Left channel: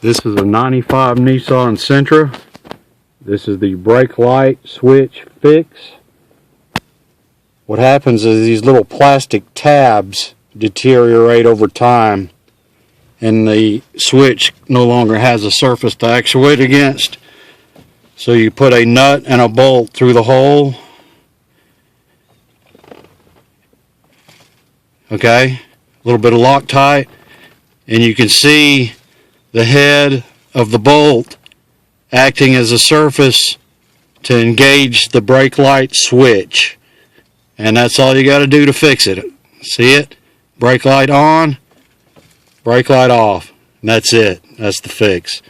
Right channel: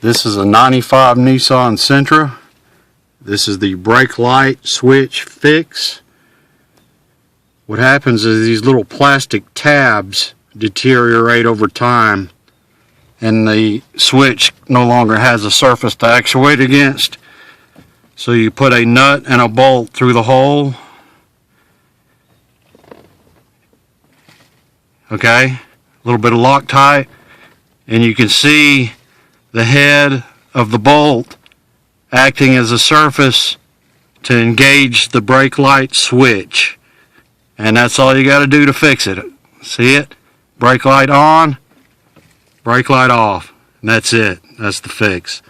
This is a 95 Nissan Sentra. This is the brake light switch fix. What happens is these little plastic tabs deteriorate over time and the switch no longer has a surface to actuate against. So you put a nut and a bolt through the hole. Okay, a little bit of Loctite, and you can see the head of the bolt acting as a surface to engage the brake light switch. And that's all you got to do to fix it. See it? Brake light on, brake light off. And that's it. That's the fix.